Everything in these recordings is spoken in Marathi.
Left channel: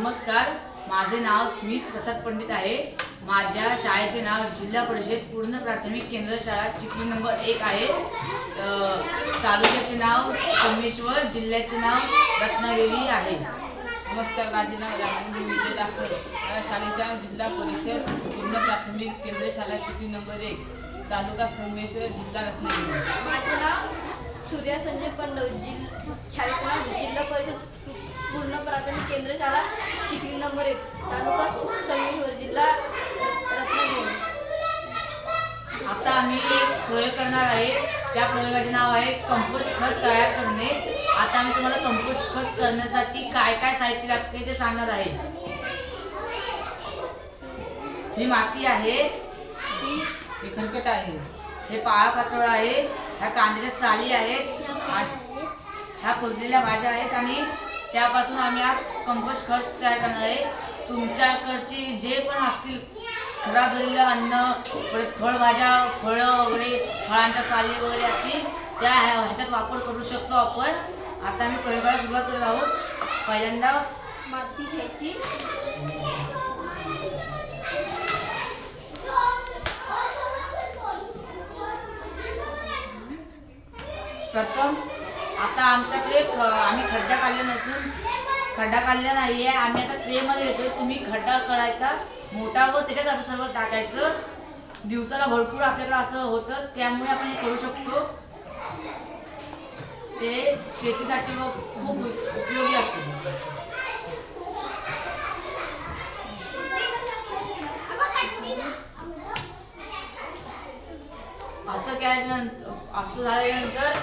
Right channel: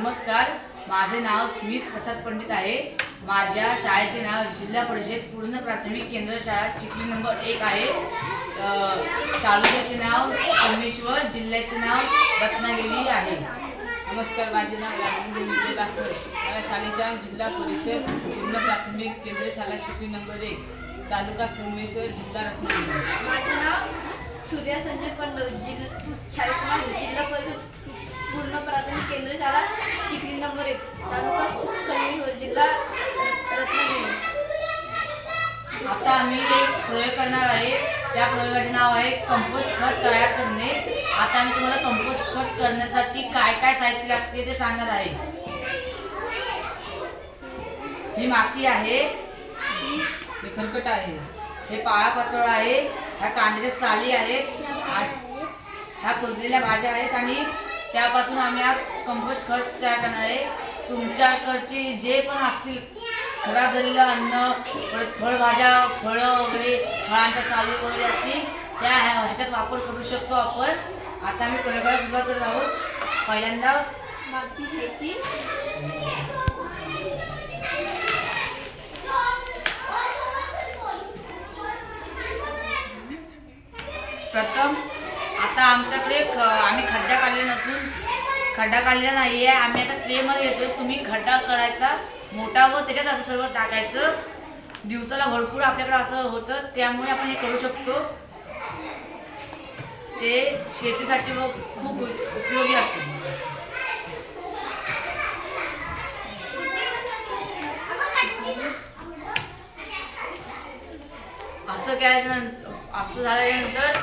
नमस्कार, माझे नाव स्मित प्रसाद पंडित आहे। माझ्या शाळेचे नाव जिल्हा परिषद पूर्ण प्राथमिक केंद्र शाळा चिखली नंबर 1 आहे। तालुक्याचे नाव सोमेश्वर, जिल्ह्याचे नाव रत्नागिरी आहे। नमस्कार, माझे नाव रामदेव विजय लाखर। माझ्या शाळेचा जिल्हा परिषद पूर्ण प्राथमिक केंद्र शाळा चिखली नंबर 1, तालुका सोमेश्वर, जिल्हा रत्नागिरी। माझे नाव सूर्या संजय पंडव, शाळेचे नाव जिल्हा परिषद पूर्ण प्राथमिक केंद्र शाळा चिखली नंबर 1, तालुका सोमेश्वर, जिल्हा रत्नागिरी। आता आम्ही एक प्रयोग करणार आहे। त्या प्रयोगाचे नाव आहे कंपोस्ट खत तयार करणे। आता आम्ही तुम्हाला कंपोस्ट खत करण्यासाठी काय काय साहित्य लागते ते सांगणार आहे। ही माती आहे, हे खरकट आहे, हे पाळापाचोळा आहे, ह्या कांद्याच्या साली आहेत, ह्या कुजलेल्या भाज्या आहेत आणि त्यापासून आम्ही आज कंपोस्ट खत तयार करणार आहे। तुमच्याकडची जे पण असतील खराब झालेलं अन्न, परत फळभाज्या, फळं वगैरे, फळांच्या साली वगैरे असतील त्या ह्याच्यात वापर करू शकतो आपण। आता आम्ही प्रयोगाला सुरुवात करत आहोत। पहिल्यांदा माती घ्यायची, प्रथम आता आमच्याकडे आम्ही खड्डा काढलेला नसून खड्डा काढलेला नाही आहे। आम्ही आता ट्रेमध्ये घेतोय। तुम्ही खड्डा करायचा मोठा व त्याच्यात असं सर्व टाकायचं। दिवसाला भरपूर आपल्याकडे असं होतं, त्यामुळे आपण हे करू शकतो। ते शेतीसाठी व खूप उपयोगी असते। असं झाल्यानंतर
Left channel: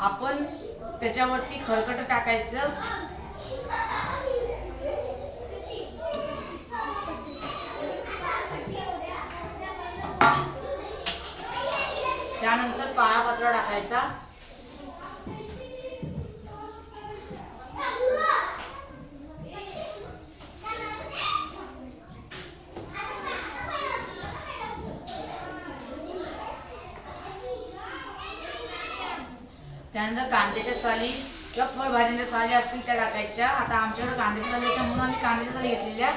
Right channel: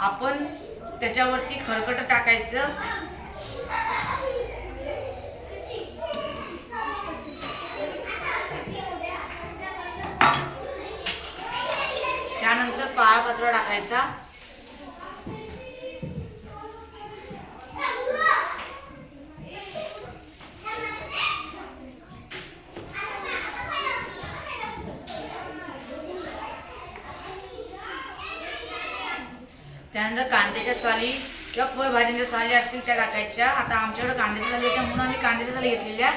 आपण त्याच्यावरती खरकट टाकायचं। त्यानंतर पाळापाचोळा टाकायचा। त्यानंतर कांद्याच्या साली किंवा फळभाज्यांच्या साली असतील त्या टाकायच्या। आता आमच्याकडे कांद्याच्या साली होत्या म्हणून आम्ही कांद्याच्या साली घेतलेल्या।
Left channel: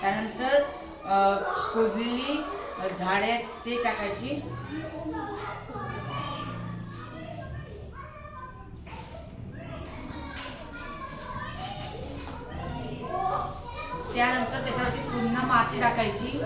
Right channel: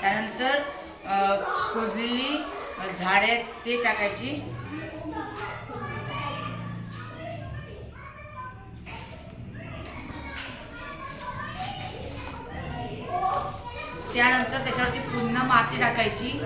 त्यानंतर कुजलेली झाडे ते टाकायची। त्यानंतर त्याच्यावरती पुन्हा माती टाकायची।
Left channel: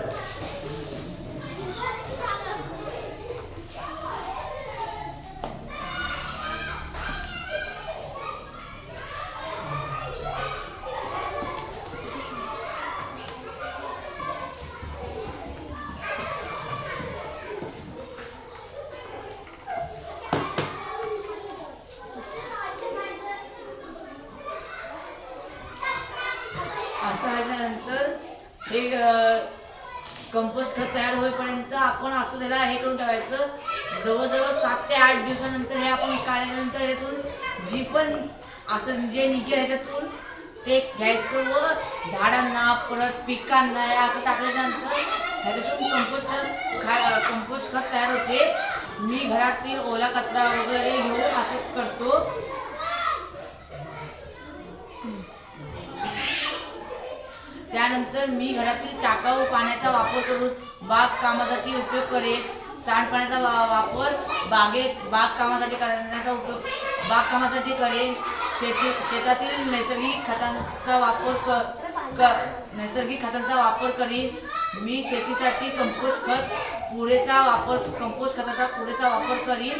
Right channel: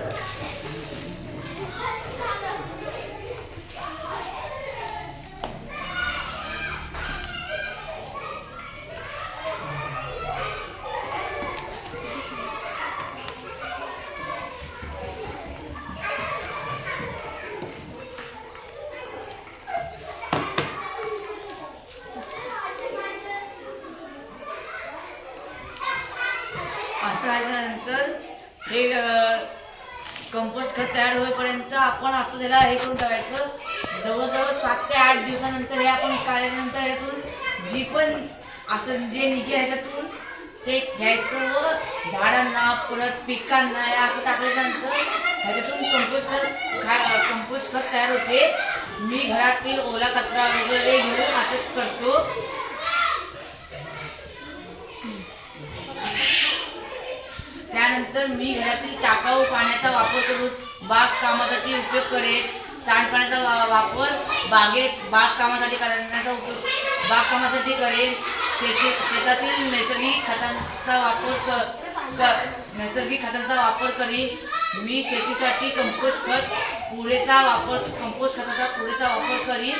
असं झाल्यानंतर हे कंपोस्ट खत तयार होईपर्यंत आपण असं त्याला हे करून ठेवायचं। जवळजवळ 7 ते 8 दिवसानंतर हे आपण काढल्यानंतर ह्यातून जी पण असं जे निघेल ह्याच्यातून ते घ्यायचं व झाडांना परत पिकांना हे असं टाकल्यानंतर ह्याच्यातून कंपोस्ट खत तयार होते। मी घरातील ओला कचरा वगैरे घेऊन असं करतो। त्यानंतर मी घरातील टाकाऊ पाण्याचा वापर करून बागकामासाठी उपयोग करेन। सांडपाण्याचा वापर बागकामासाठी करण्याचा उपयोग बागकामासाठी करेन। शेतातील नैसर्गिक खतांचा वापर करीन। मी शेतीसाठी कंपोस्ट खताचा पुरेसा वापर करीन।